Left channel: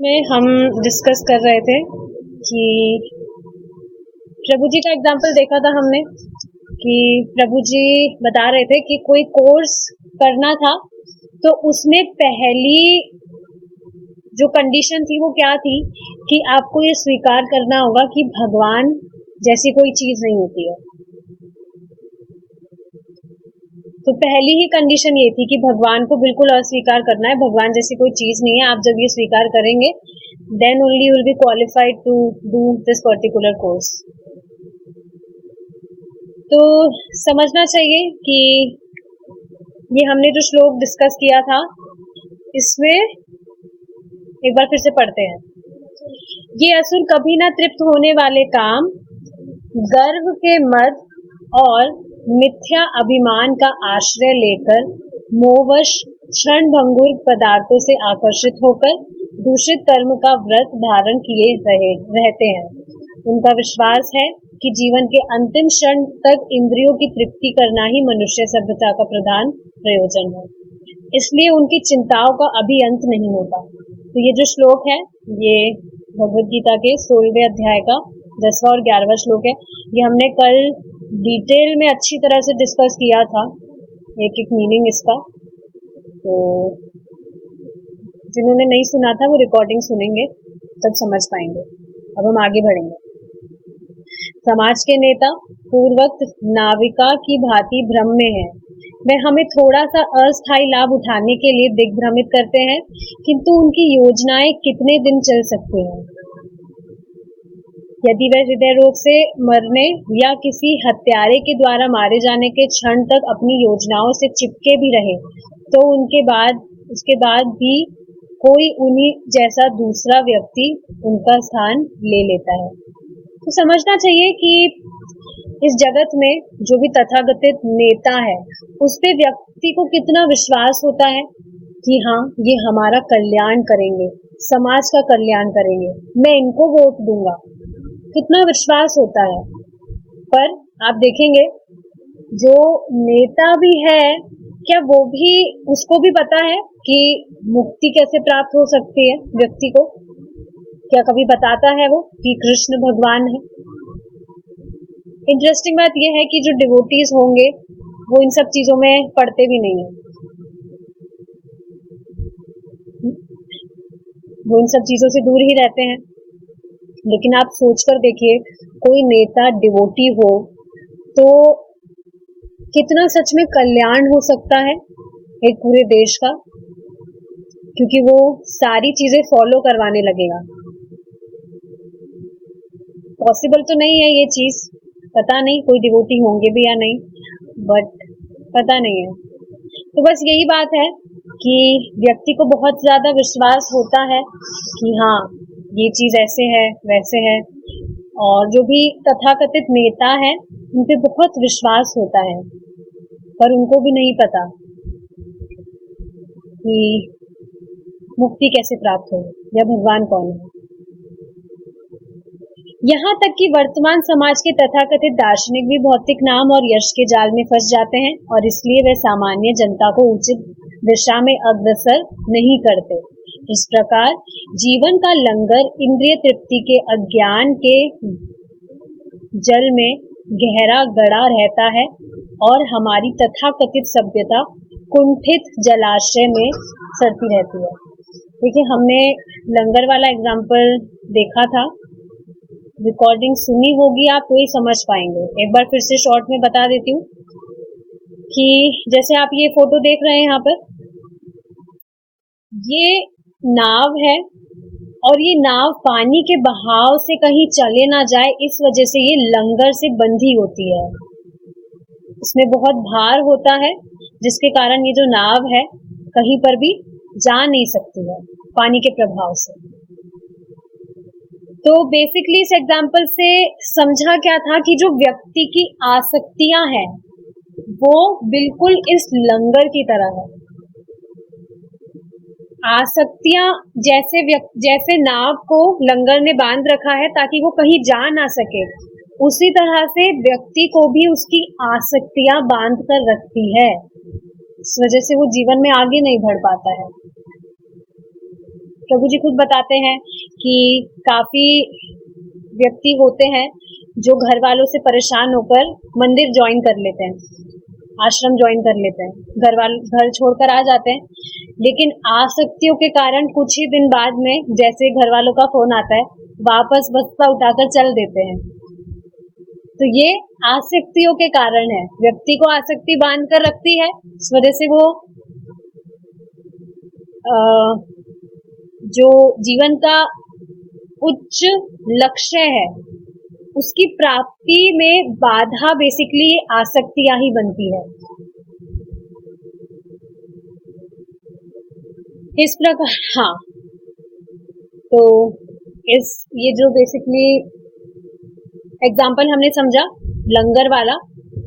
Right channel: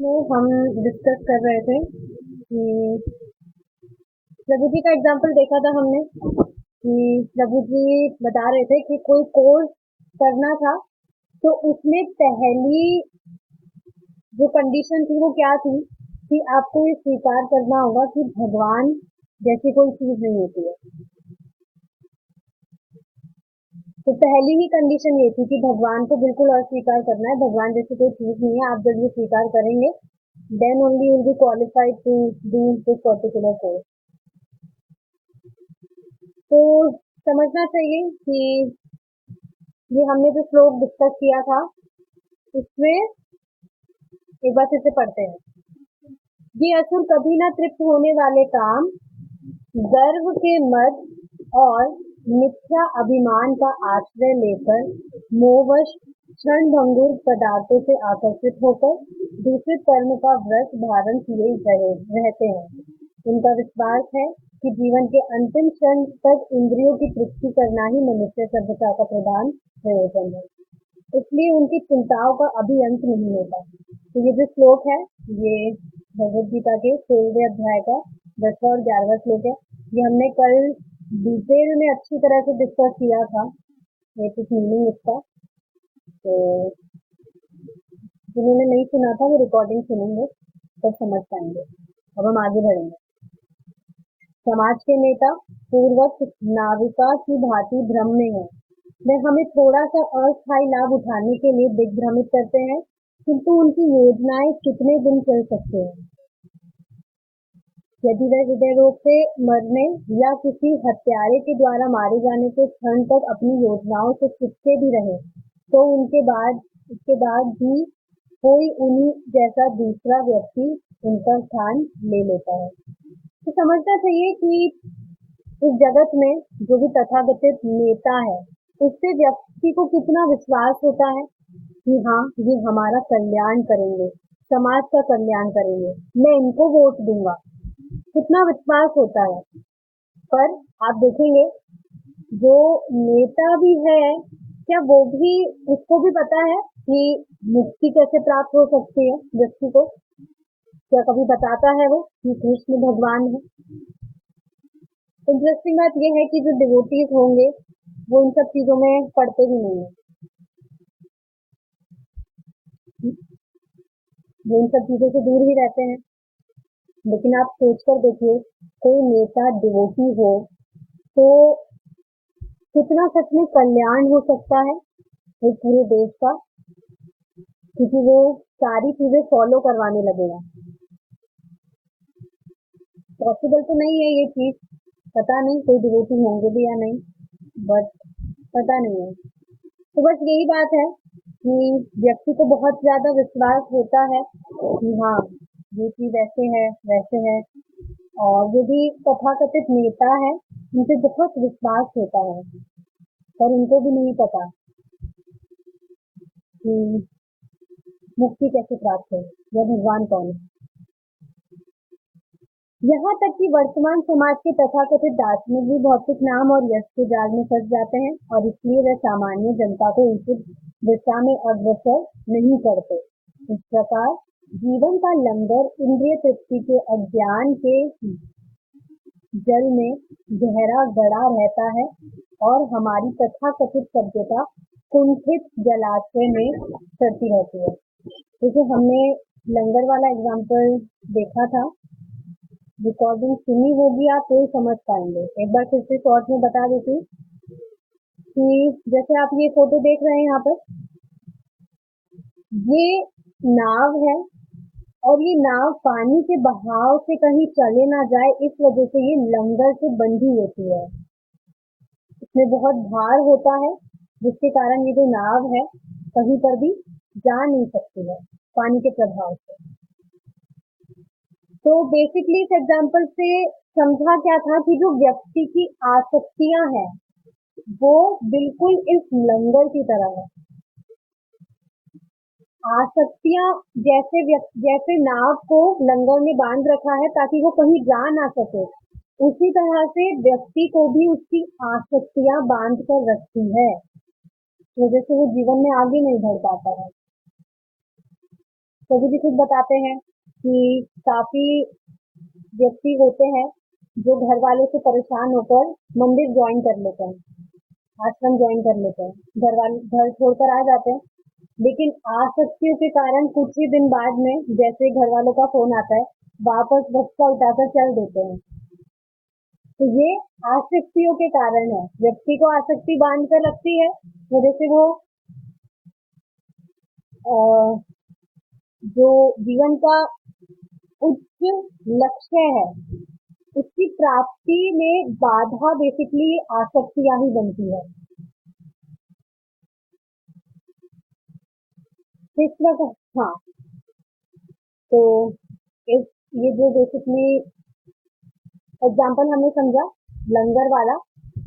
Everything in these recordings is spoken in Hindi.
में हम डिस्कस कर रहे थे कि प्रभु जी का एग्जाम्पल देखा था हमने कि प्रभु जी बता रहे थे कि कोई कोर्स करना था तो उसमें पहली जो कंडीशन थी वो क्या थी कि आपको ये स्वीकार करना होगा कि भगवान जैसी कोई चीज नहीं होती है। तो पहली ही कंडीशन ये थी कि भगवान को बिल्कुल अस्वीकार करना है, भगवान जैसी कोई चीज नहीं है। आप जब ये स्वीकार करेंगे then only you will be qualified to do this particular course. तो समझना चाहिए कि ये हमने जो श्लोक डिस्कस किया था इसमें एक बार फिर से पढ़ते हैं। ये असुर कभी ना तृप्त होने वाले काम, गर्व के मद और मिथ्या अभिमान का आश्रय लेकर मोहवश क्षण भंगुर पदार्थों से आकर्षित होकर दूषित कर्म का व्रत धारण किए रहते हैं। उनका विश्वास है कि जीवन के अंतिम क्षण तक इंद्रियों की तृप्ति करना ही मनुष्य सभ्यता का प्रधान प्रयोजन है, इसलिए उनकी चिंताओं का अभी अंत नहीं होता। तो ये जो श्लोक है ये भगवद गीता के 16वें अध्याय का 10वां और 11वां श्लोक है। ये हमने कल डिटेल में अच्छी तरह से डिस्कस किया था, एक एक मीनिंग इसका। तो जिन्होंने नहीं सुना था वो रिकॉर्डिंग सुनेंगे तब समझ पाएंगे। अब हम आगे बढ़ेंगे। समाज के नेता पूर्वक नाविका की भांति भ्रम में है। वे हमें थोड़ा सा अस्थायी लाभ उठाने के लिए दिग्भ्रमित करते हैं, किंतु उनकी योजनाएं कितने दिन चल सकती हैं। यदि वह हृदय रोग से मरने या किसी हत्यारे के द्वारा मारे जाने के क्षण तक अपनी योजनाओं से चिपके भी रहे तो उसके बाद भी कोई उन्हीं जैसा दूसरा व्यक्ति उनका स्थान ले लेता है। तो समझना चाहिए कि इस जगत में जो भी तथाकथित नेता है उस पे व्यक्ति को कितना विश्वास होता है कि हाँ ये हमारा कल्याण करेंगे, समाज का कल्याण करेंगे, मैं इनको वोट दूंगा, कितना विश्वास होता है। पर आप देखेंगे जो नेता भी है क्या वो भी उसको भी पता है कि मुक्ति कैसे प्राप्त हो सकती है व्यक्ति को? क्या कभी बताता है वो कि कृष्ण भगवान है? इंटरेस्टिंग बात यह है कि जो डिवोटीज होंगे वो इन सब चीजों में पढ़ते भी नहीं है, वो इन सब चीजों से दूर ही रहते हैं। लेकिन आप सोचकर देखिए कोई नेता डिवोटी हो तो कितना सच में कल्याण हो सकता है एक पूरे देश का, क्योंकि वो सारी चीजें फॉलो करवाने लगेगा। पॉसिबल तो नहीं है ये चीज, पता नहीं कोई डिवोटी होंगे भी या नहीं, बट पता नहीं है। तो बस यही बात है कि व्यक्ति को बहुत ज्यादा विश्वास होता है कि हाँ ये चीज ऐसे है वैसे है, और जो भी तथाकथित नेता है उन पे बहुत विश्वास होता है, पर उनको भी नहीं पता कि मुक्ति कैसे प्राप्त हो या भगवान कौन है। यहाँ तक कि वर्तमान समाज के तथाकथित दार्शनिक भी भौतिक नाम और यश के जाल में फंस जाते हैं और इसलिए वे सामान्य जनता को उचित दिशा में अग्रसर नहीं करते। इस प्रकार जीवन का लंगर इंद्रिय तृप्ति के अज्ञान के जल में गहरा गड़ा रहता है और हमारी तथाकथित सभ्यता कुंठित जलाशय में सरती रहती है। देखिए हमने लंगर वाला एग्जाम्पल देखा था, रिकॉर्डिंग सुनी होगी आप वही समझ पाएंगे। एक बार फिर से शॉर्ट में बता देती हूँ कि जैसे आप ये फोटो देख रहे हैं यहाँ पर, ये नाव है और ये नाव पानी के बहाव से कहीं चले ना जाए इस वजह से ये लंगर से बंधी होती है। इसमें बहुत भार होता है जिसके कारण ये जो नाव है कहीं पर भी जा नहीं सकती है पानी के प्रभाव से। तो बेसिकली इस एग्जाम्पल से समझा क्या था कि जो व्यक्ति की आसक्तियां हैं वो बिल्कुल इस लंगर की तरह है। आसक्तियां जैसे नाव को लंगर ने बांध रखा है ताकि वो कहीं जा ना सके, उसी तरह से व्यक्ति को भी उसकी आसक्तियां बांध कर रखती है, इस वजह से वो जीवन में आगे नहीं बढ़ पाता है। प्रभु जी खुद बताते हैं कि काफी व्यक्ति होते हैं जो घर वालों से परेशान होकर मंदिर ज्वाइन कर लेते हैं, आश्रम ज्वाइन कर लेते हैं, घर छोड़कर आ जाते हैं, लेकिन आसक्तियों के कारण कुछ ही दिन बाद में जैसे घर वालों का फोन आता है वापस बस्ता उठाकर चल देते हैं। तो ये आसक्तियों के कारण है, व्यक्ति को आसक्ति बांध कर रखती है, इस वजह से वो जो जीवन का उच्च लक्ष्य है उसकी प्राप्ति में बाधा बेसिकली आसक्तियां ही बनती है। इस प्रकार हाँ, तो ये जो बेसिकली एग्जाम्पल हमने समझा लंगर वाला,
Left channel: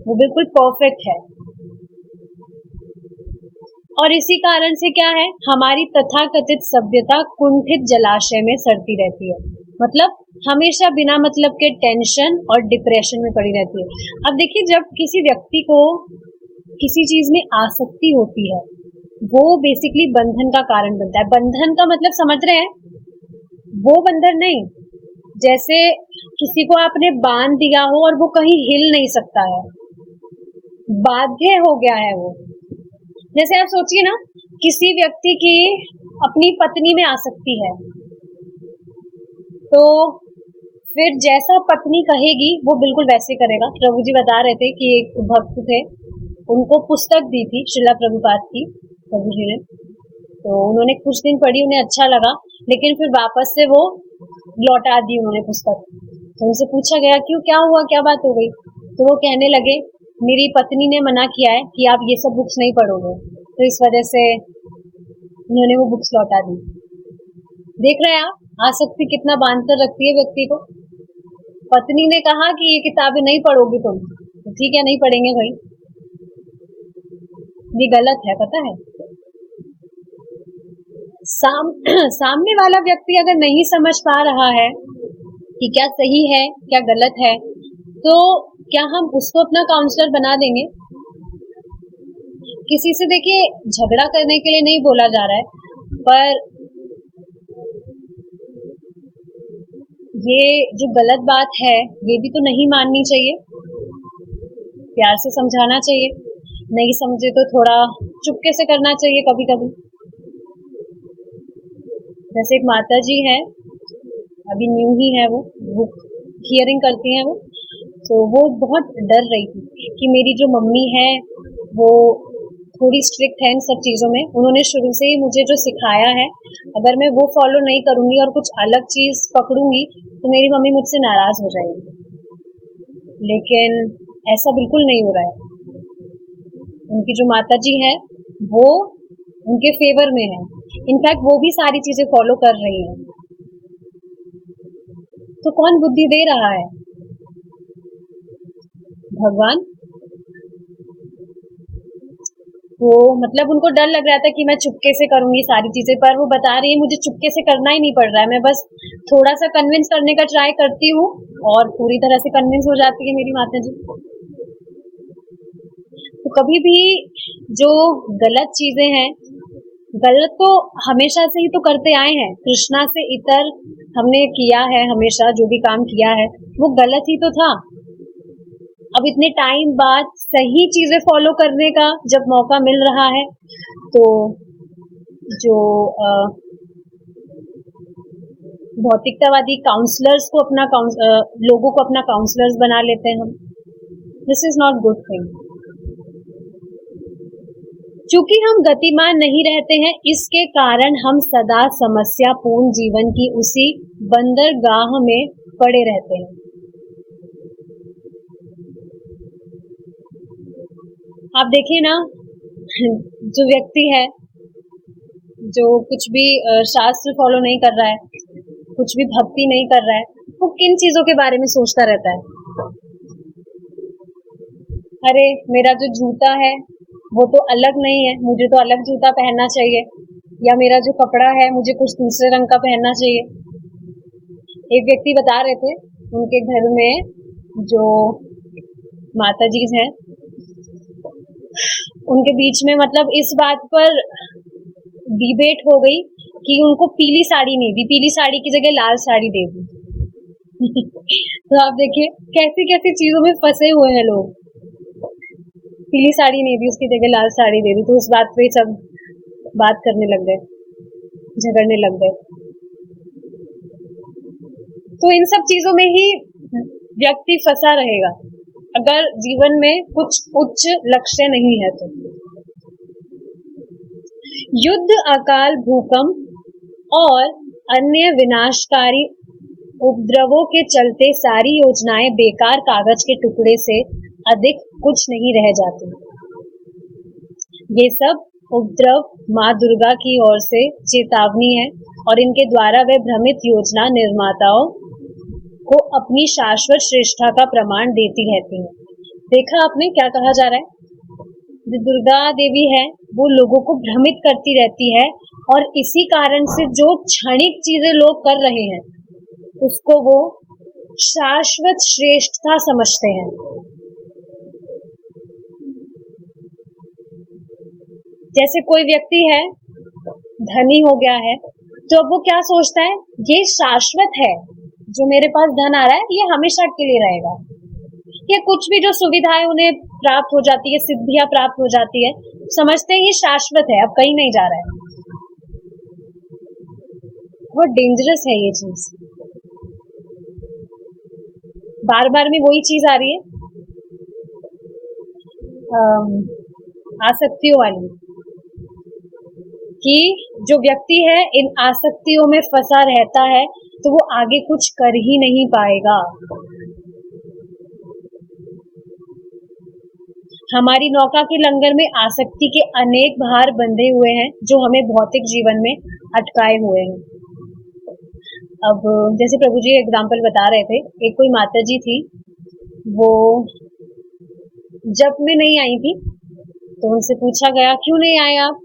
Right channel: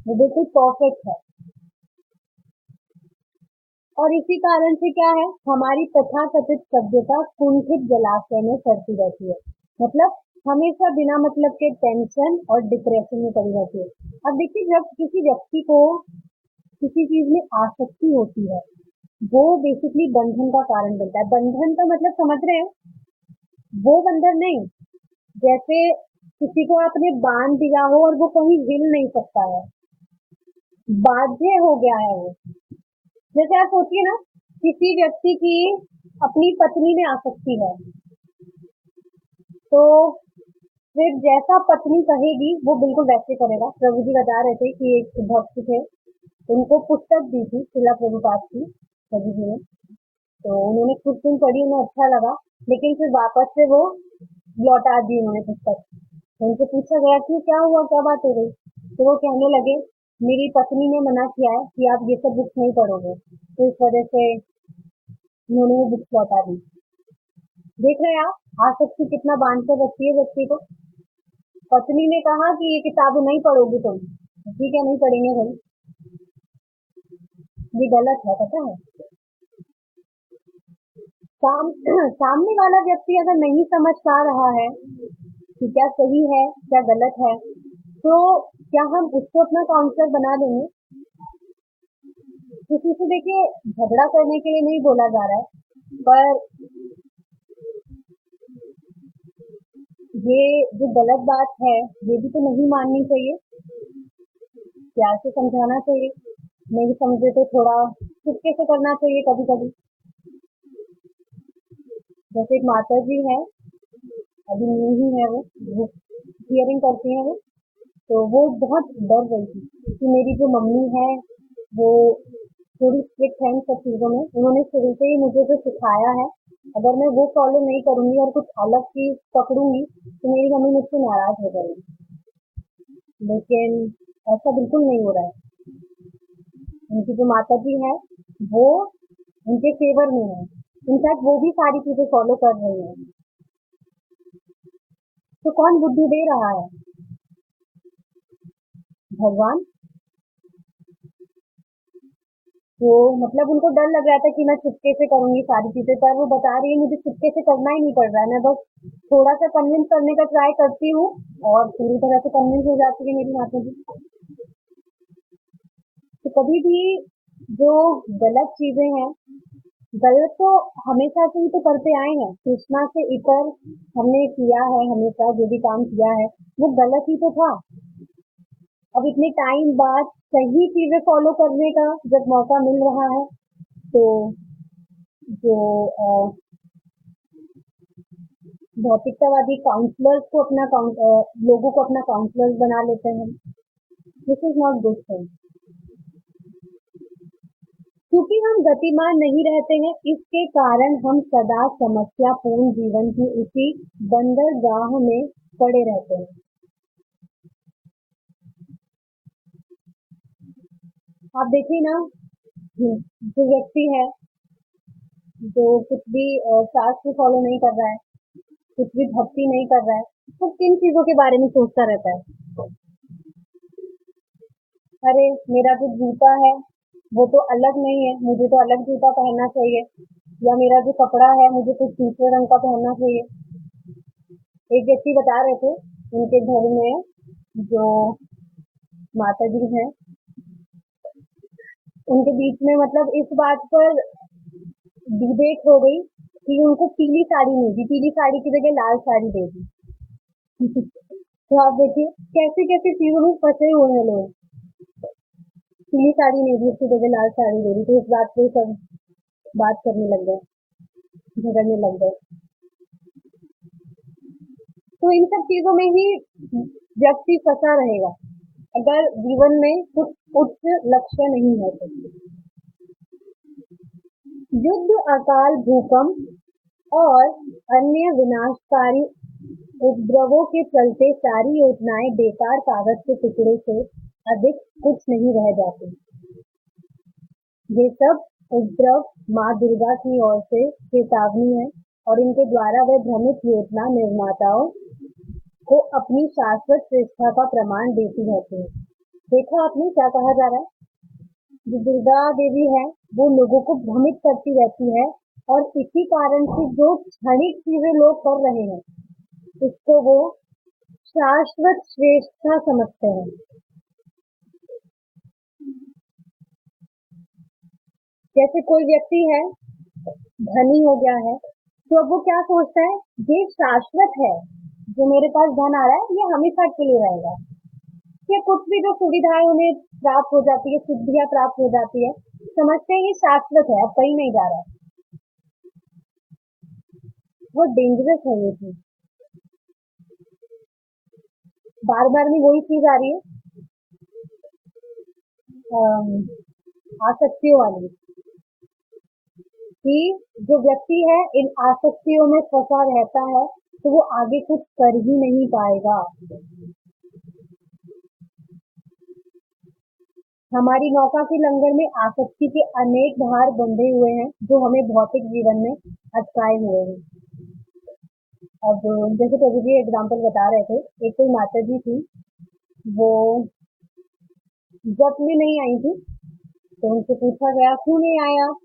वो बिल्कुल परफेक्ट है। और इसी कारण से क्या है, हमारी तथाकथित सभ्यता कुंठित जलाशय में सड़ती रहती है, मतलब हमेशा बिना मतलब के टेंशन और डिप्रेशन में पड़ी रहती है। अब देखिए, जब किसी व्यक्ति को किसी चीज में आसक्ति होती है वो बेसिकली बंधन का कारण बनता है। बंधन का मतलब समझ रहे हैं, वो बंधन नहीं, जैसे किसी को आपने बांध दिया हो और वो कहीं हिल नहीं सकता है, बाध्य हो गया है वो। जैसे आप सोचिए ना, किसी व्यक्ति की अपनी पत्नी में आसक्ति है, तो फिर जैसा पत्नी कहेगी वो बिल्कुल वैसे करेगा। प्रभु जी बता रहे थे कि एक भक्त थे, उनको पुस्तक दी थी श्रीला प्रभुपाद की, प्रभु जी ने, तो उन्होंने कुछ दिन पढ़ी, उन्हें अच्छा लगा, लेकिन फिर वापस से वो लौटा दी उन्होंने पुस्तक। तो उनसे पूछा गया क्यों, क्या हुआ, क्या बात हो गई? तो वो कहने लगे मेरी पत्नी ने मना किया है कि आप ये सब बुक्स नहीं पढ़ोगे, तो इस वजह से उन्होंने वो बुक्स लौटा दी। देख रहे हैं आप, आसक्ति कितना बांध कर रखती है व्यक्ति को। पत्नी ने कहा कि ये किताबें नहीं पढ़ोगी तुम, तो ठीक है नहीं पढ़ेंगे भाई, ये गलत है, पता है। सामने वाला व्यक्ति अगर नहीं समझ पा रहा है कि क्या सही है क्या गलत है, तो क्या हम उसको अपना काउंसलर बना देंगे? किसी से देखिए झगड़ा करने के लिए नहीं बोला जा रहा है, पर ये जो गलत बात है ये भी तो नहीं माननी चाहिए, प्यार से समझाना चाहिए, नहीं समझे तो थोड़ा चुपके से करना चाहिए कभी कभी। जैसे एक माता जी है, अभी न्यू ही है, वो हियरिंग करती है वो, तो वो बहुत डर रही थी कि मेरी जो मम्मी है वो थोड़ी स्ट्रिक्ट है इन सब चीजों में, उन्होंने शुरू से ही मुझे जो सिखाया है अगर मैं वो फॉलो नहीं करूंगी और कुछ अलग चीज पकड़ूंगी तो मेरी मम्मी मुझसे नाराज हो जाएगी। लेकिन ऐसा बिल्कुल नहीं हो रहा है, उनकी जो माता जी है वो उनके फेवर में है, इनफैक्ट वो भी सारी चीजें फॉलो कर रही है। तो कौन बुद्धि दे रहा है? भगवान। वो मतलब उनको डर लग रहा था कि मैं चुपके से करूंगी सारी चीजें, पर वो बता रही है मुझे चुपके से करना ही नहीं पड़ रहा है, मैं बस थोड़ा सा कन्विंस करने का ट्राई करती हूँ और पूरी तरह से कन्विंस हो जाती है मेरी माता जी। तो कभी भी जो गलत चीजें हैं, गलत तो हमेशा से ही तो करते आए हैं, कृष्णा से इतर हमने किया है, हमेशा जो भी काम किया है वो गलत ही तो था। अब इतने टाइम बाद सही चीजें फॉलो करने का जब मौका मिल रहा है, तो जो भौतिकतावादी काउंसलर्स को लोगों को अपना काउंसलर्स बना लेते हैं हम, this is not good thing. चूंकि हम गतिमान नहीं रहते हैं, इसके कारण हम सदा समस्यापूर्ण जीवन की उसी बंदरगाह में पड़े रहते हैं। आप देखिए ना, जो व्यक्ति है जो कुछ भी शास्त्र फॉलो नहीं कर रहा है, कुछ भी भक्ति नहीं कर रहा है, वो किन चीजों के बारे में सोचता रहता है? अरे मेरा जो जूता है वो तो अलग नहीं है, मुझे तो अलग जूता पहनना चाहिए, या मेरा जो कपड़ा है मुझे कुछ दूसरे रंग का पहनना चाहिए। एक व्यक्ति बता रहे थे उनके घर में जो माता जी हैं उनके बीच में मतलब इस बात पर डिबेट हो गई कि उनको पीली साड़ी नहीं दी, पीली साड़ी की जगह लाल साड़ी दे दी। तो आप देखिए कैसी कैसी चीजों में फंसे हुए हैं लोग। पीली साड़ी नहीं दी, उसकी जगह लाल साड़ी दे दी, तो उस बात पे सब बात करने लग गए, झगड़ने लग गए। तो इन सब चीजों में ही व्यक्ति फंसा रहेगा अगर जीवन में कुछ उच्च लक्ष्य नहीं है तो। युद्ध, अकाल, भूकंप और अन्य विनाशकारी उपद्रवों के चलते सारी योजनाएं बेकार कागज के टुकड़े से अधिक कुछ नहीं रह जाती। ये सब उपद्रव माँ दुर्गा की ओर से चेतावनी है और इनके द्वारा वे भ्रमित योजना निर्माताओं को अपनी शाश्वत श्रेष्ठता का प्रमाण देती रहती है। देखा आपने क्या कहा जा रहा है? जो दुर्गा देवी है वो लोगों को भ्रमित करती रहती है और इसी कारण से जो क्षणिक चीजें लोग कर रहे हैं उसको वो शाश्वत श्रेष्ठता समझते हैं। जैसे कोई व्यक्ति है, धनी हो गया है, तो अब वो क्या सोचता है, ये शाश्वत है, जो मेरे पास धन आ रहा है ये हमेशा के लिए रहेगा। या कुछ भी जो सुविधाएं उन्हें प्राप्त हो जाती है, सिद्धियां प्राप्त हो जाती है, समझते हैं ये शाश्वत है, अब कहीं नहीं जा रहा है। बहुत डेंजरस है ये चीज। बार बार में वही चीज आ रही है, आसक्तियों वाली, कि जो व्यक्ति है इन आसक्तियों में फंसा रहता है तो वो आगे कुछ कर ही नहीं पाएगा। हमारी नौका के लंगर में आसक्ति के अनेक भार बंधे हुए हैं जो हमें भौतिक जीवन में अटकाए हुए हैं। अब जैसे प्रभु जी एग्जाम्पल बता रहे थे, एक कोई माता जी थी, वो जब में नहीं आई थी तो उनसे पूछा गया क्यों नहीं आए आप?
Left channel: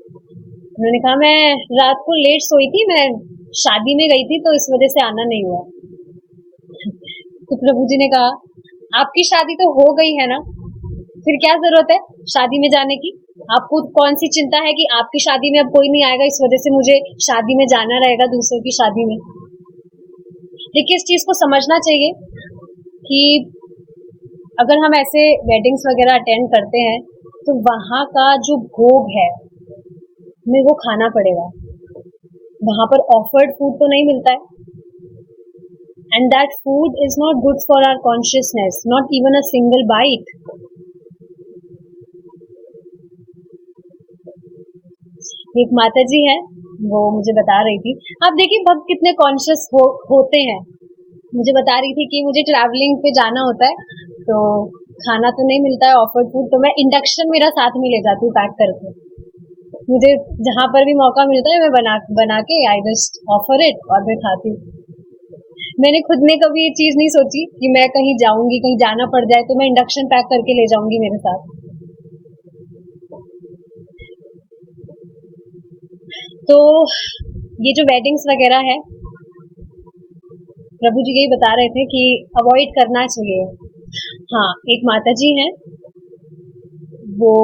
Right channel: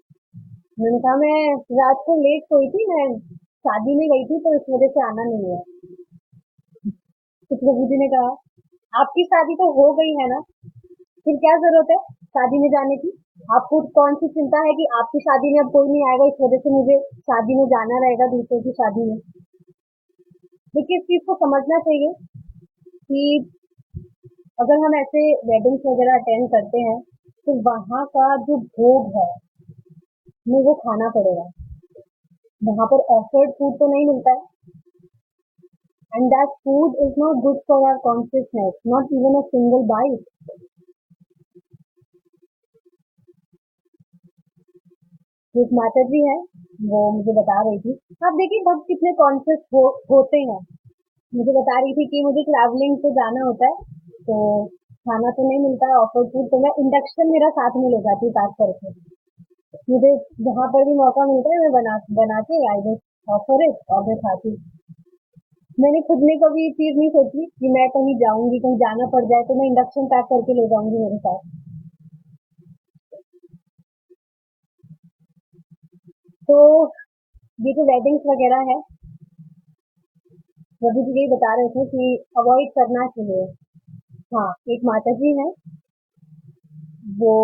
उन्होंने कहा मैं रात को लेट सोई थी, मैं शादी में गई थी तो इस वजह से आना नहीं हुआ। तो प्रभु जी ने कहा आपकी शादी तो हो गई है ना, फिर क्या जरूरत है शादी में जाने की? आपको कौन सी चिंता है कि आपकी शादी में अब कोई नहीं आएगा इस वजह से मुझे शादी में जाना रहेगा दूसरों की शादी में। देखिए इस चीज को समझना चाहिए कि अगर हम ऐसे वेडिंग्स वगैरह अटेंड करते हैं तो वहां का जो भोग है हमें वो खाना पड़ेगा। वहां पर ऑफर्ड फूड तो नहीं मिलता है, and that food is not good for our consciousness, not even a single bite. एक माता जी है, वो मुझे बता रही थी, आप देखिए भक्त कितने कॉन्शियस होते हैं। मुझे बता रही थी कि मुझे ट्रैवलिंग पे जाना होता है तो खाना तो नहीं मिलता है ऑफर्ड फूड, तो मैं इंडक्शन मेरा साथ में ले जाती हूँ पैक करके। मुझे जहां पर भी मौका मिलता है मैं बना के आई जस्ट ऑफर इट और मैं खाती हूँ। मैंने खुद ने कभी ये चीज नहीं सोची कि मैं कहीं जाऊंगी, कहीं जाना पड़ जाए तो मैं इंडक्शन पैक करके ले जाऊंगी मेरे साथ। तो ये जो वेडिंग्स वगैरह है, प्रभु जी यही बता रहे थे कि अवॉइड करना चाहिए। हाँ, एक माता जी हैं, वो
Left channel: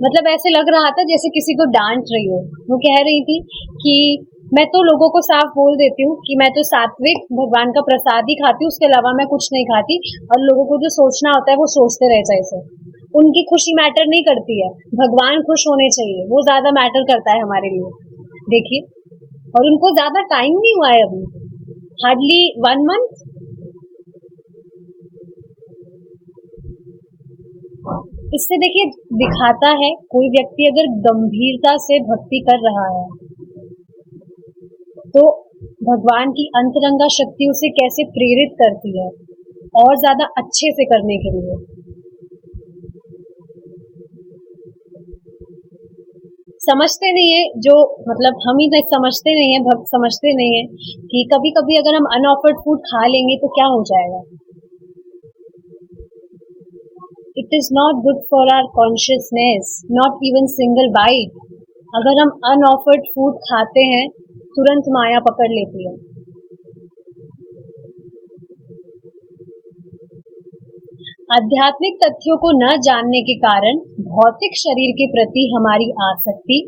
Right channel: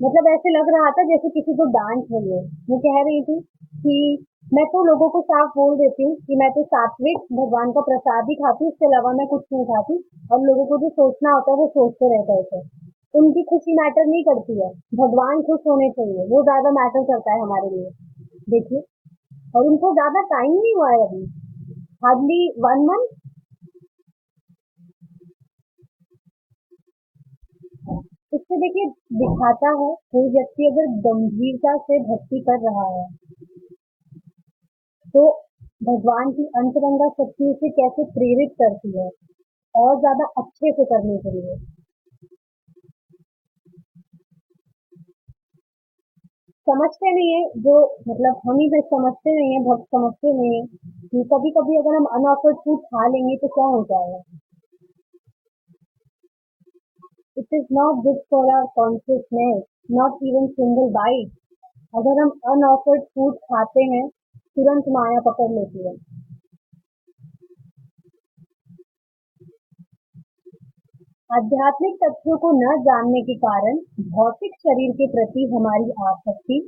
मतलब ऐसे लग रहा था जैसे किसी को डांट रही हो। वो कह रही थी कि मैं तो लोगों को साफ बोल देती हूँ कि मैं तो सात्विक भगवान का प्रसाद ही खाती हूँ, उसके अलावा मैं कुछ नहीं खाती, और लोगों को जो सोचना होता है वो सोचते रह जाए। ऐसे उनकी खुशी मैटर नहीं करती है, भगवान खुश होने चाहिए, वो ज्यादा मैटर करता है हमारे लिए। देखिए, और उनको ज्यादा टाइम नहीं हुआ है अभी, हार्डली 1 month। इससे देखिए दिखाता है कोई व्यक्ति अगर गंभीरता से भक्ति कर रहा है तो भगवान की अंतरंगा शक्ति उसे कैसे प्रेरित करती है और ज्यादा अच्छे से करने के लिए। समझते नहीं है जो, मतलब हम ही समझते नहीं है, भक्त समझते नहीं है कि कभी कभी अगर हम अनऑफर्ड फूड खा लेंगे तो क्या हो जाएगा। It is not good for our consciousness, not even single bite. अगर हम अनऑफर्ड फूड खाते हैं तुरंत माया पकड़ लेती है। आध्यात्मिक तथ्यों को न जानने के कारण भौतिक शरीर के प्रति हमारी आसक्ति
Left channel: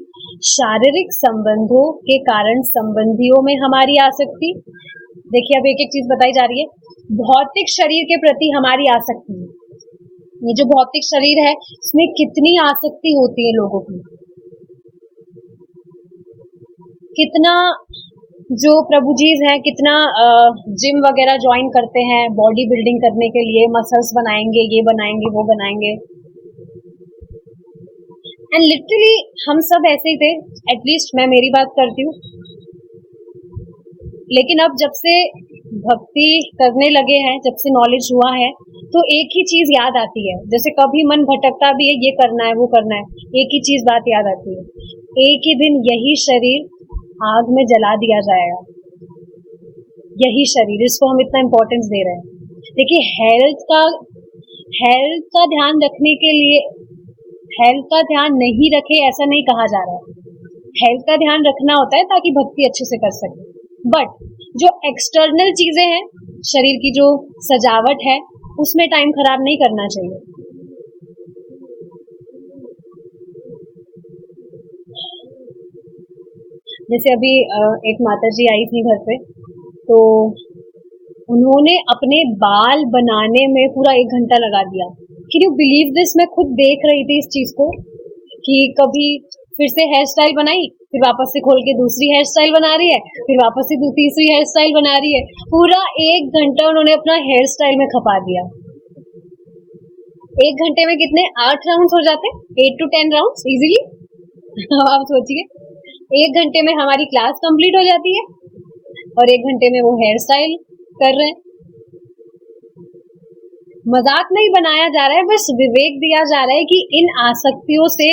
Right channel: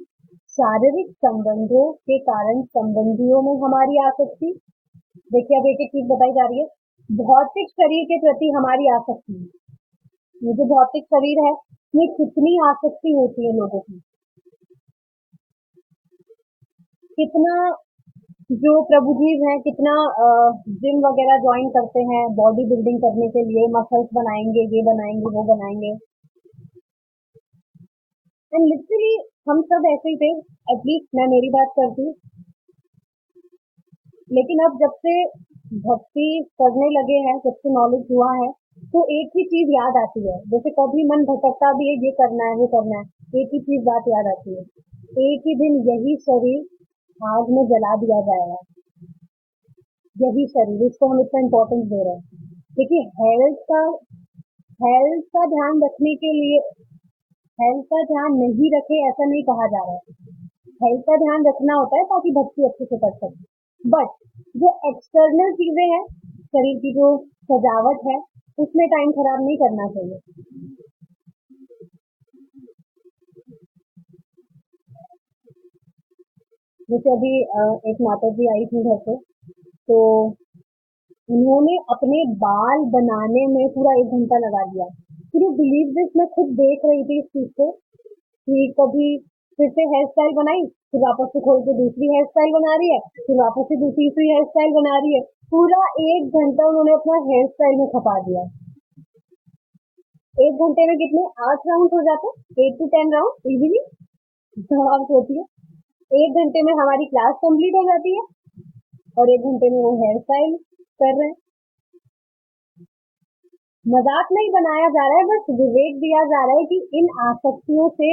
शारीरिक संबंधों के कारण संबंधियों में हमारी आसक्ति। देखिए अब एक एक चीज बताई जा रही है। भौतिक शरीर के प्रति हमारी आसक्ति, ये जो भौतिक शरीर है इसमें कितनी आसक्ति होती है लोगों की, कितना जो प्रभु जीज हैं कितना जिम वगैरह ज्वाइन करते हैं बॉडी बिल्डिंग करने के लिए, मसल्स बनाएंगे, ये बनाएंगे, वो बनाएंगे। एंड लिटरली हम सब ऐसे ही थे, एटलीस्ट मैं मेरी बात करती हूँ। लेकिन अब जब से भक्ति करने लगे हैं, जब से नॉलेज हुआ है, तो एक ही चीज याद आती है। जैसे कभी मन भटकता भी है, ये करना है, वो करना है, एक ही चीज बात याद आती है, एक ही दिन यही शरीर आग में जला दिया जाएगा। यही शरीर, इसको हम इतना इम्पोर्टेंस दे रहे हैं। देखिए हेल्थ का ध्यान रखने के लिए, हेल्थ का ध्यान नहीं रखे ऐसा नहीं कहा जा रहा है। हेल्थ का ध्यान रखना होता है ताकि भक्ति अच्छे से कर सके। बट जो एक्सटर्नल चीजें हैं, शरीर की जो सजावट है, उसमें टाइम खराब नहीं करना चाहिए। जैसे अभी एक माता जी आई थी घर पे, तो उन्होंने अपने बाल बनाने में पूरा 1 घंटा लगा दिया। Can you believe this? मैं खुद देख रही थी इस चीज को कि कभी फिर से हेयर स्टाइल बनाई, फिर वापस से खोल के दूसरी हेयर स्टाइल बना रही है, फिर वापस से तीसरी हेयर स्टाइल बना रही है। पूरा 1 घंटा उन्होंने अपना हेयर स्टाइल में खपा दिया। 1 घंटे में कितने 8 राउंड्स हो जाते, 8 to 10 राउंड्स इजीली। आप सोचिए 1 घंटे में हमारी क्लास कंप्लीट हो जाती है और 1 घंटे में वो हेयर स्टाइल कर रहे हैं। मजाक नहीं बनाया जा रहा है, बस विवेक दिया जा रहा है कि इन आसक्तियों से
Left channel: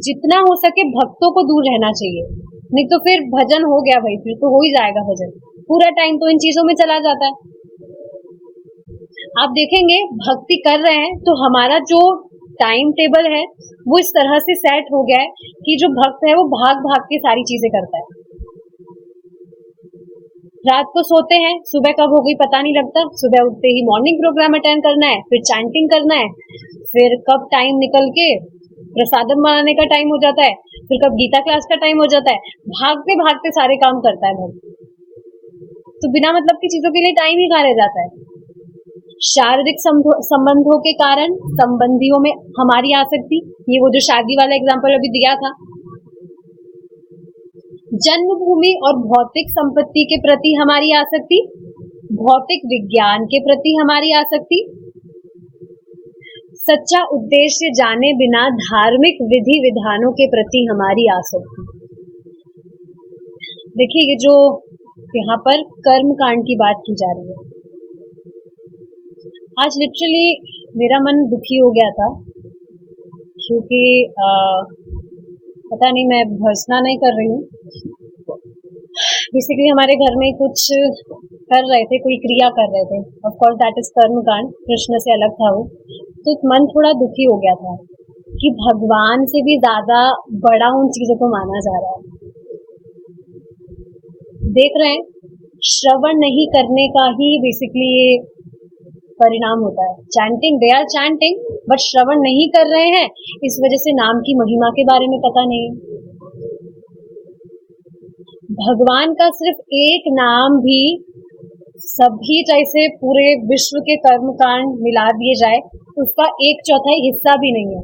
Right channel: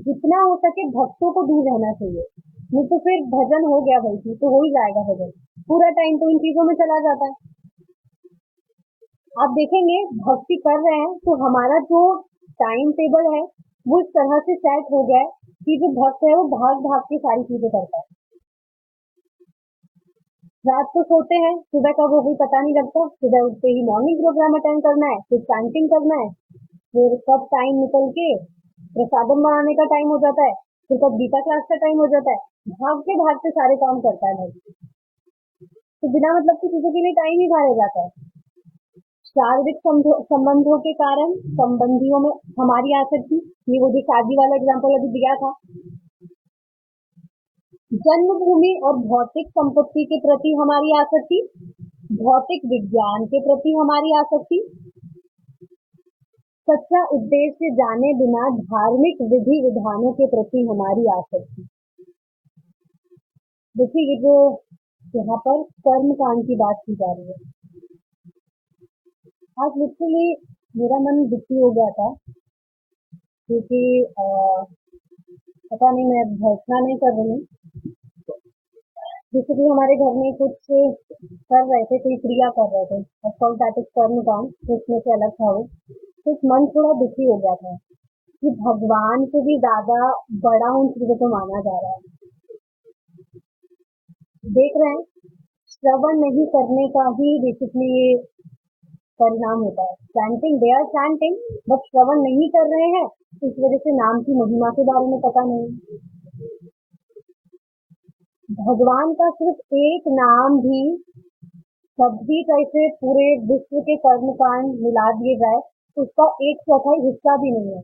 जितना हो सके भक्तों को दूर रहना चाहिए। नहीं तो फिर भजन हो गया भाई, फिर तो हो ही जाएगा भजन, पूरा टाइम तो इन चीजों में चला जाता है। आप देखेंगे भक्ति कर रहे हैं तो हमारा जो टाइम टेबल है वो इस तरह से सेट हो गया है कि जो भक्त है वो भाग भाग के सारी चीजें करता है। रात को सोते हैं, सुबह कब हो गई पता नहीं लगता, सुबह उठते ही मॉर्निंग प्रोग्राम अटेंड करना है, फिर चैंटिंग करना है, फिर कब टाइम निकल के प्रसादम बनाने का टाइम हो जाता है, फिर कब गीता क्लास का टाइम हो जाता है। भागते भागते सारे काम करता है भक्त, तो बिना मतलब की चीजों के लिए टाइम ही कहाँ रह जाता है। शारीरिक संबंधों के कारण संबंधियों में हमारी आसक्ति, ये वो जो शादी वाला एग्जाम्पल अभी दिया था। जन्मभूमि और भौतिक संपत्ति के प्रति हमारी आसक्ति, भौतिक विज्ञान के प्रति हमारी आसक्ति, सच्चा उद्देश्य जाने बिना धार्मिक विधि विधानों के प्रति हमारी आसक्ति। देखिए ये जो यहाँ पर कर्म कांड की बात की जा रही है, आज लिटरली मेरा मन दुखी हो गया था, क्योंकि पता नहीं, मैं भर्सना नहीं कर रही हूँ, बेसिकली हमारे घर में कुछ कर रहे थे, कोई क्रिया कर रहे थे। ऑफ कोर्स दैट इज कर्म कांड, कृष्ण से अलग था वो। तो मन थोड़ा दुखी हो गया था कि भगवान से भी ज्यादा बड़ा उन चीजों को माना जा रहा है। देख रहे हैं, श्रवण नहीं करने का ही बेसिकली ये परिणाम होता है। Chanting, they are chanting, but श्रवण नहीं कर रहे हैं, इस वजह से नाम की महिमा के बारे में पता नहीं। भगवान का सिर्फ एक नाम भी सभी जैसे पूरे विश्व के कर्म कांड मिला दिए जाए, उसका 1/4 हिस्सा भी नहीं है।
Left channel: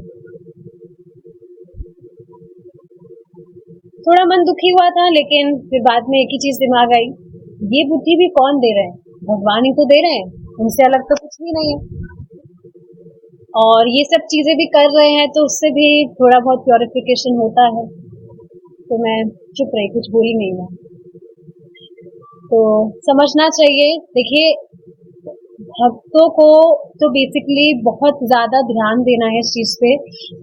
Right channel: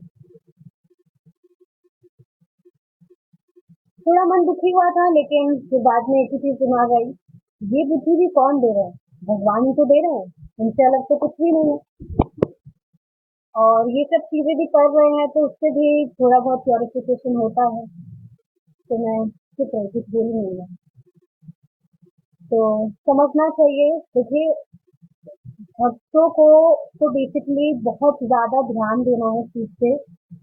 थोड़ा मन दुखी हुआ था, लेकिन फिर बाद में एक ही चीज दिमाग आई, ये बुद्धि भी कौन दे रहे हैं? भगवान ही तो दे रहे हैं, उनसे अलग तो कुछ भी नहीं है। और ये सब चीजें भी कर रहे हैं तो उससे भी थोड़ा बहुत प्योरिफिकेशन होता है। तो मैं चुप रही, कुछ बोली नहीं मैं। तो समझना चाहिए, देखिए भक्तों को तो बेसिकली बहुत ज्यादा ध्यान देना है इस चीज पे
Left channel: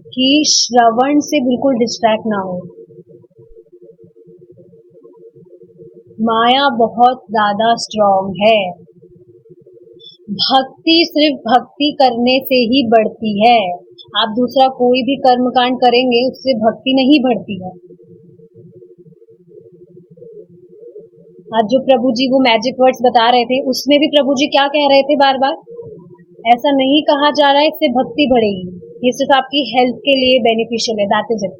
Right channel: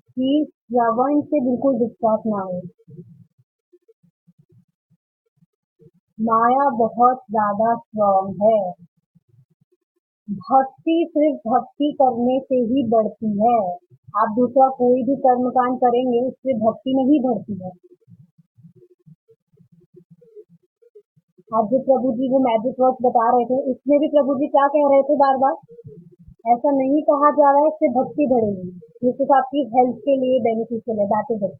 कि श्रवण से बिल्कुल डिस्ट्रैक्ट ना हो। माया बहुत ज्यादा स्ट्रॉन्ग है। भक्ति सिर्फ भक्ति करने से ही बढ़ती है। आप दूसरा कोई भी कर्मकांड करेंगे उससे भक्ति नहीं बढ़ती है। आज जो प्रभु जी वो मैजिक वर्ड्स बता रहे थे, उसमें भी प्रभु जी क्या कह रहे थे बार बार? ऐसा नहीं कहा जा रहा है इससे भक्ति बढ़ेगी, ये सिर्फ आपकी हेल्थ के लिए बेनिफिशियल है, दैट इज इट।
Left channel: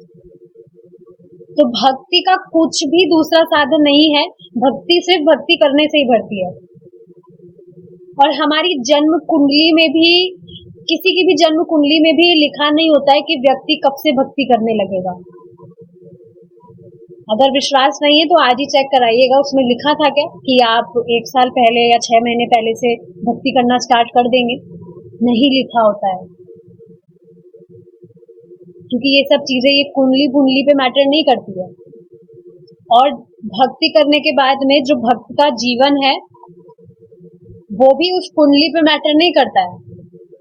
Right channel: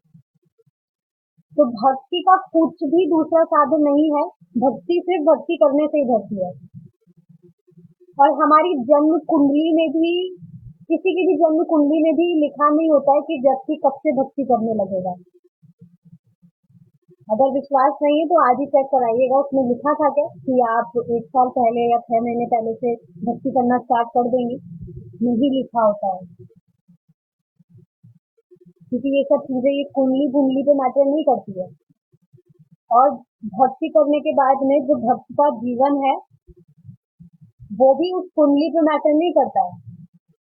तो भक्ति का कुछ भी दूसरा साधन नहीं है, भक्ति सिर्फ भक्ति करने से ही बढ़ती है। और हमारी जन्म कुंडली में भी, किसी की भी जन्म कुंडली में भी लिखा नहीं होता है कि व्यक्ति कब से भक्ति करने लगेगा। अगर विश्वास नहीं है तो आज ही चेक कराइएगा, उसमें लिखा था क्या कि आप 1 साल पहले या 6 महीने पहले से भक्ति करना स्टार्ट कर देंगे? नहीं लिखा होता है, क्योंकि ये सब चीजें ये कुंडली पे मैटर नहीं करती है। और भक्ति करने के बाद में जो भक्त का जीवन है वो भी उस कुंडली पे मैटर नहीं करता है,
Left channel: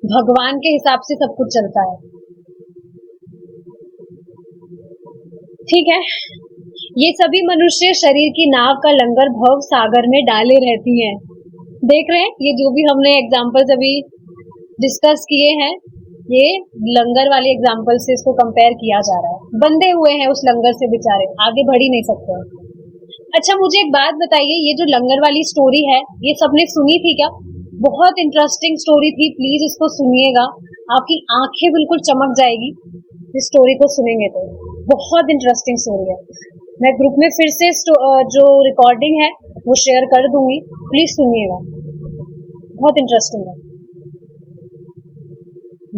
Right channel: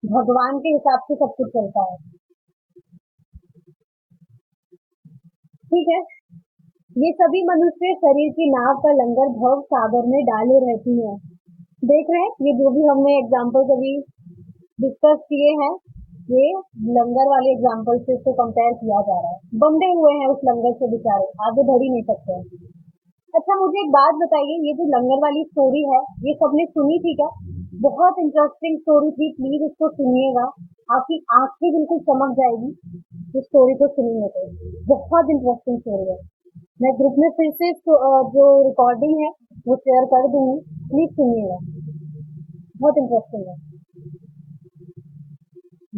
भगवान के हिसाब से सब कुछ चलता है। ठीक है, ये सभी मनुष्य शरीर की नाव का लंगर भव सागर में डाले रहती हैं। देख रहे हैं, ये जो भी हमने एग्जाम्पल्स अभी डिस्कस किए हैं, ये लंगर वाले एग्जाम्पल से इसको कंपेयर किया जा रहा है। बंधे हुए हैं उस लंगर से बेचारे, आगे बढ़ ही नहीं सकते। अच्छा, मुझे एक बात बताइए, ये जो लंगर वाली स्टोरी है ये सबने सुनी थी क्या? बहुत इंटरेस्टिंग स्टोरी थी, प्लीज इसको सुनिएगा, आपकी आंखें बिल्कुल चमक जाएगी इस स्टोरी को सुनेंगे तो। बहुत इंटरेस्टिंग स्टोरी है। मैं ग्रुप में फिर से जो रिकॉर्डिंग है वो शेयर कर दूंगी, प्लीज सुनिएगा, बहुत इंटरेस्टिंग है।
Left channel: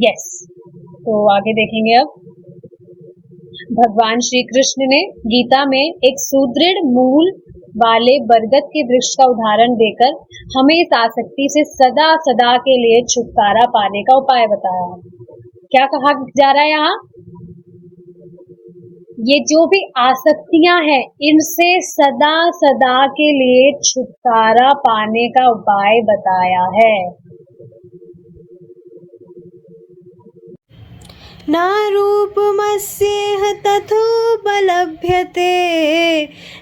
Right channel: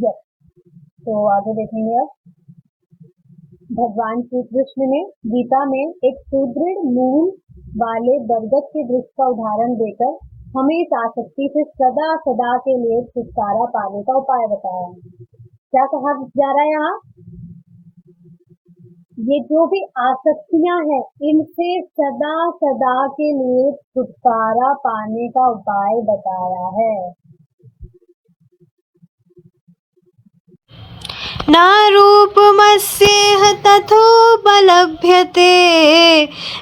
यस, तो आगे देखेंगे अब। भगवान श्री कृष्ण ने गीता में एक सुदृढ़ मूल वाले बरगद के वृक्ष का उदाहरण देकर हमें इस आसक्ति से सदा सदा के लिए छुटकारा पाने का उपाय बताया है। क्या कहा जा रहा है यहाँ? ये जो भी आसक्तियां हैं इनसे सदा सदा के लिए छुटकारा पाने का उपाय बताया है। ना रूपमस्येह तथोपलभ्यते